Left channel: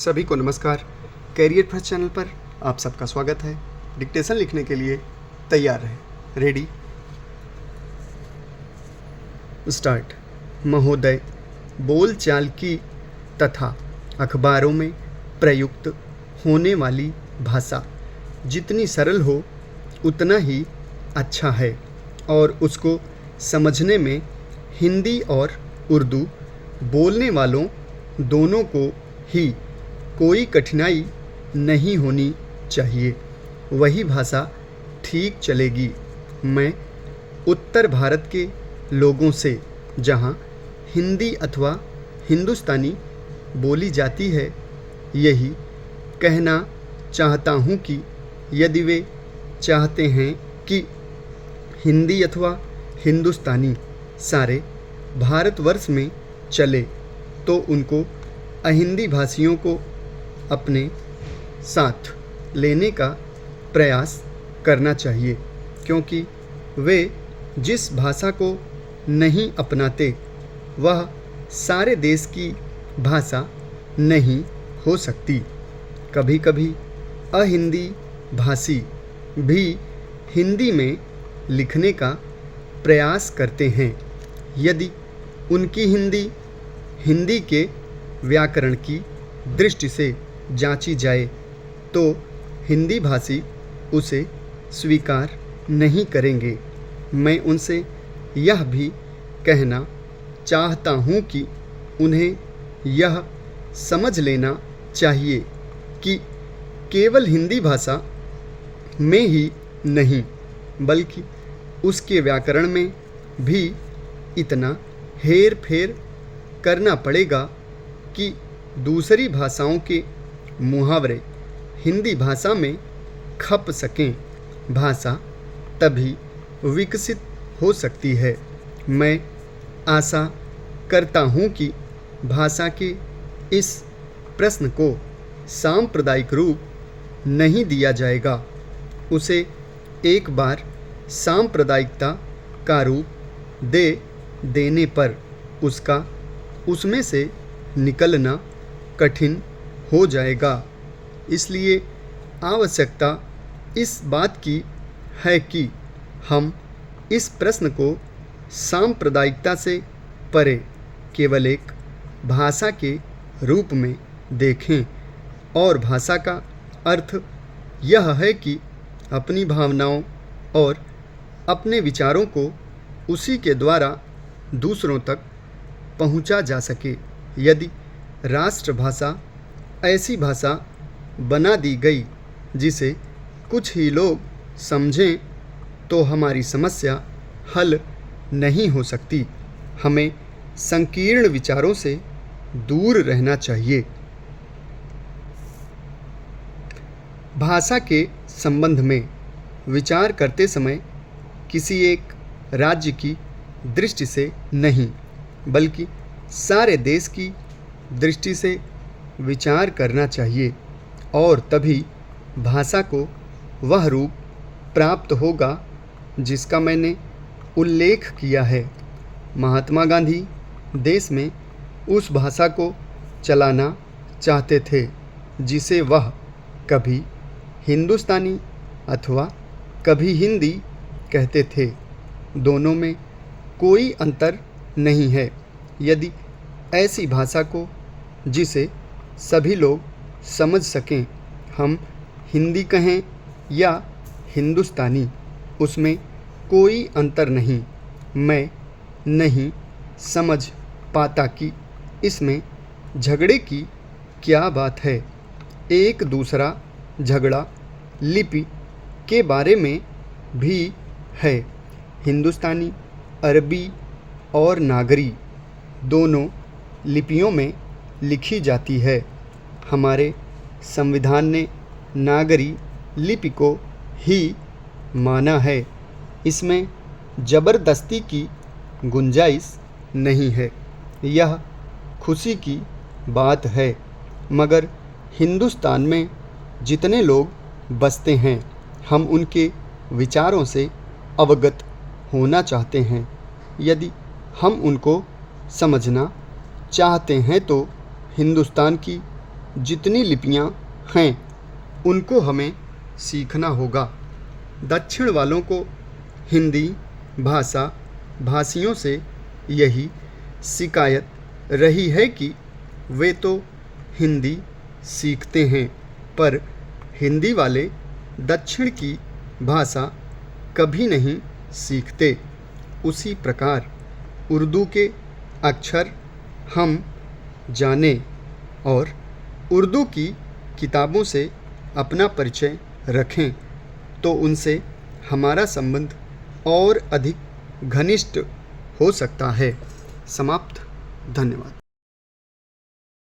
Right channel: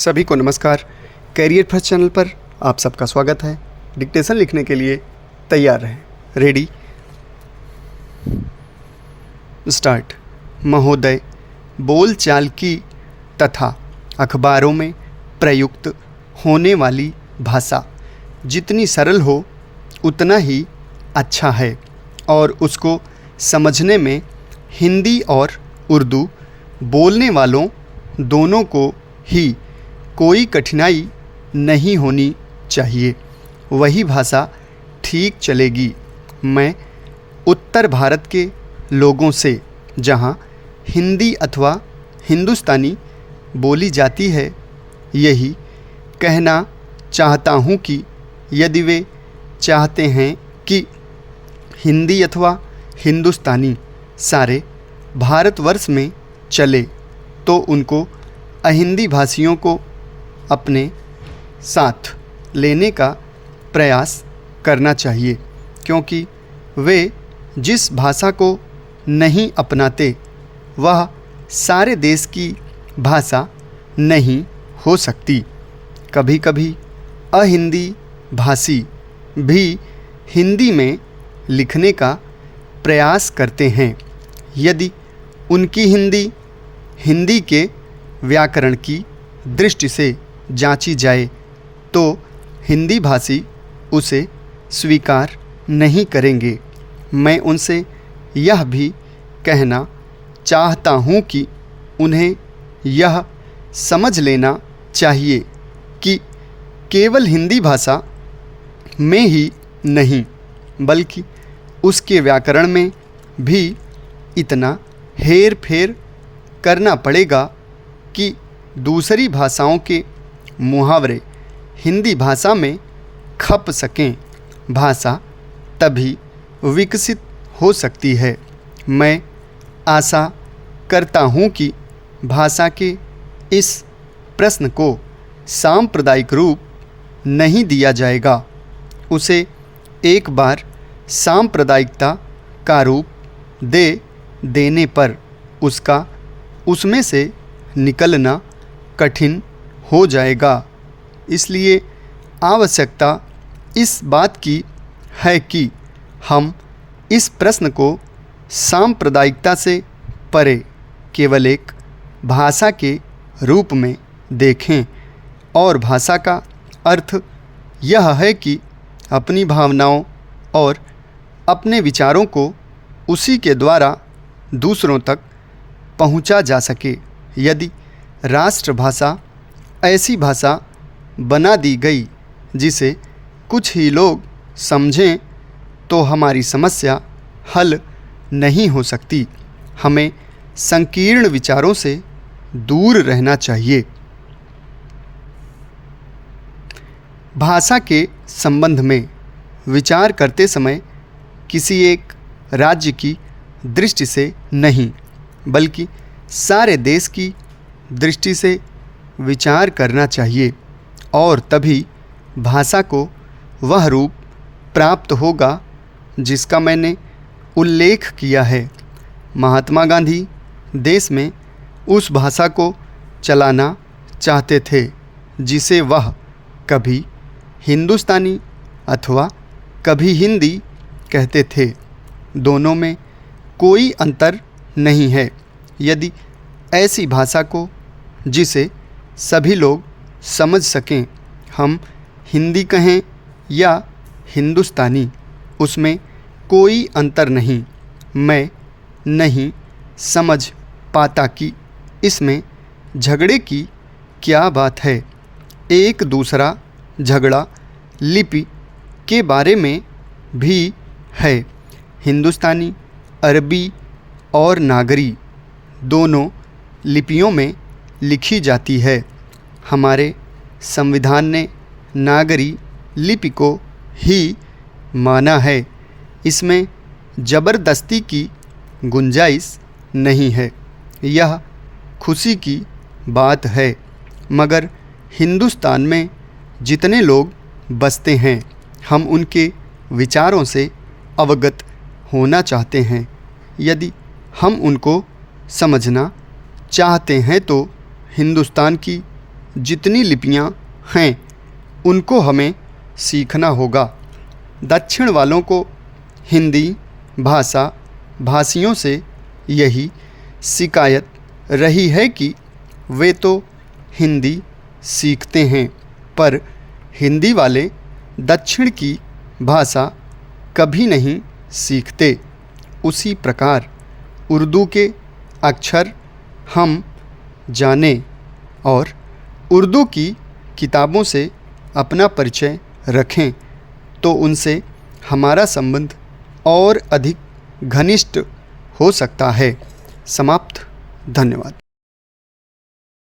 सभी को नमस्कार। कैरियर फर्स्ट चैनल पर आप सबका स्वागत है। डिक्टेशन लिखने के लिए तैयार रहें। Ready, start. महोदय, बोलचाल की तथा अखबारों में प्रयुक्त होने वाली भाषा जितनी सरल हो उतना ही अच्छा है और उसको समझने में हिंदी और उर्दू बोलने वालों दोनों को ही कोई कठिनाई नहीं होनी चाहिए। वही भाषा ठीक चलेगी। मैं उत्तर भारत के लोगों से, जहाँ हिंदी अथवा हिंदुस्तानी बोली जाती है, यही कहना चाहता हूँ कि यदि वे चाहते हैं कि हिंदी अथवा हिंदुस्तानी सारे भारतवर्ष में चले तो उनको अहिंदी भाषियों को अपने साथ लेने का प्रयास करना चाहिए, क्योंकि वे जिस भाषा को नहीं अपनाते वह सारे देश की भाषा नहीं हो सकती। कभी कभी अहिंदी भाषी भी हिंदी में लिखने का प्रयास करते हैं। यदि उनकी हिंदी के व्याकरण की दृष्टि से जांची जाए तो हिंदी भाषी उसे स्वीकार नहीं करेंगे। मैं उनसे यह भी कहना चाहता हूँ कि उन्हें यह समझ लेना चाहिए कि केवल हिंदी भाषा में ही नहीं बल्कि उसके व्याकरण में भी इतना हेर फेर करना पड़ेगा कि दूसरी भाषाओं के मुहावरे हिंदी भाषा में खप सकें। भाषा तभी विकसित हो सकती है। मैं आशा करता हूँ कि भाषा के इस प्रश्न को सांप्रदायिक रूप नहीं दिया जाएगा। उसे एक बार सांप्रदायिकता का रूप देने पर उसका उसमें से निकलना कठिन हो जाएगा। इसलिए आवश्यकता इस बात की है कि हम इस प्रश्न को सांप्रदायिकता से परे केवल एक भाषा के रूप में देखें। और भाषा का अर्थ यह है कि अपनी भावनाओं और अपने विचारों को उसी के द्वारा दूसरों तक पहुंचा जा सके। यदि राष्ट्रभाषा ऐसी भाषा बना दी गई जिसे कुछ ही लोग समझें तो हमारी समस्या हल नहीं हो सकती। हमें संकीर्ण विचारों से दूर रहना चाहिए। भाषा के संबंध में विचार करते समय किसी एक राज्य की दृष्टि से नहीं बल्कि सारे देश की दृष्टि से विचार करना चाहिए और तभी भाषा को वह रूप प्राप्त होगा जिसका मैंने उल्लेख किया है। महात्मा गांधी देश में उस भाषा को चलाना चाहते थे जिसे वह कभी हिंदुस्तानी अथवा कभी हिंदी कहते थे। दोनों में कोई अंतर नहीं है। यदि ऐसी भाषा को जिसे सभी लोग समझ सकें हम हिंदी कहें या हिंदुस्तानी, उसमें कोई अंतर नहीं। मैं नहीं समझ पाता कि इसमें झगड़े की क्या बात है। एक दूसरा झगड़ा लिपि के बारे में भी है। हिंदुस्तानी, अरबी और नागरी दोनों लिपियों में लिखी जाती है। हमारे संविधान ने नागरी लिपि को ही माना है। इसमें ज़बरदस्ती की गुंजाइश नहीं है। यह खुशी की बात है। मगर हिंदुस्तान में जितने लोग बसते हैं हम उनके विचारों से अवगत होना चाहते हैं। यदि हम उनको समझना चाहते हैं तो हिंदुस्तान की जितनी लिपियां हैं उनको हमें सीखना होगा। दक्षिण वालों को हिंदी भाषा भाषियों से यही शिकायत रही है कि वे तो हिंदी सीखते हैं पर हिंदी वाले दक्षिण की भाषा कभी नहीं सीखते। उसी प्रकार उर्दू के अक्षर हम जानें और उर्दू की किताबों से अपना परिचय रखें तो उनसे हमारा संबंध और अधिक घनिष्ठ हो सकता है। समाप्त। धन्यवाद।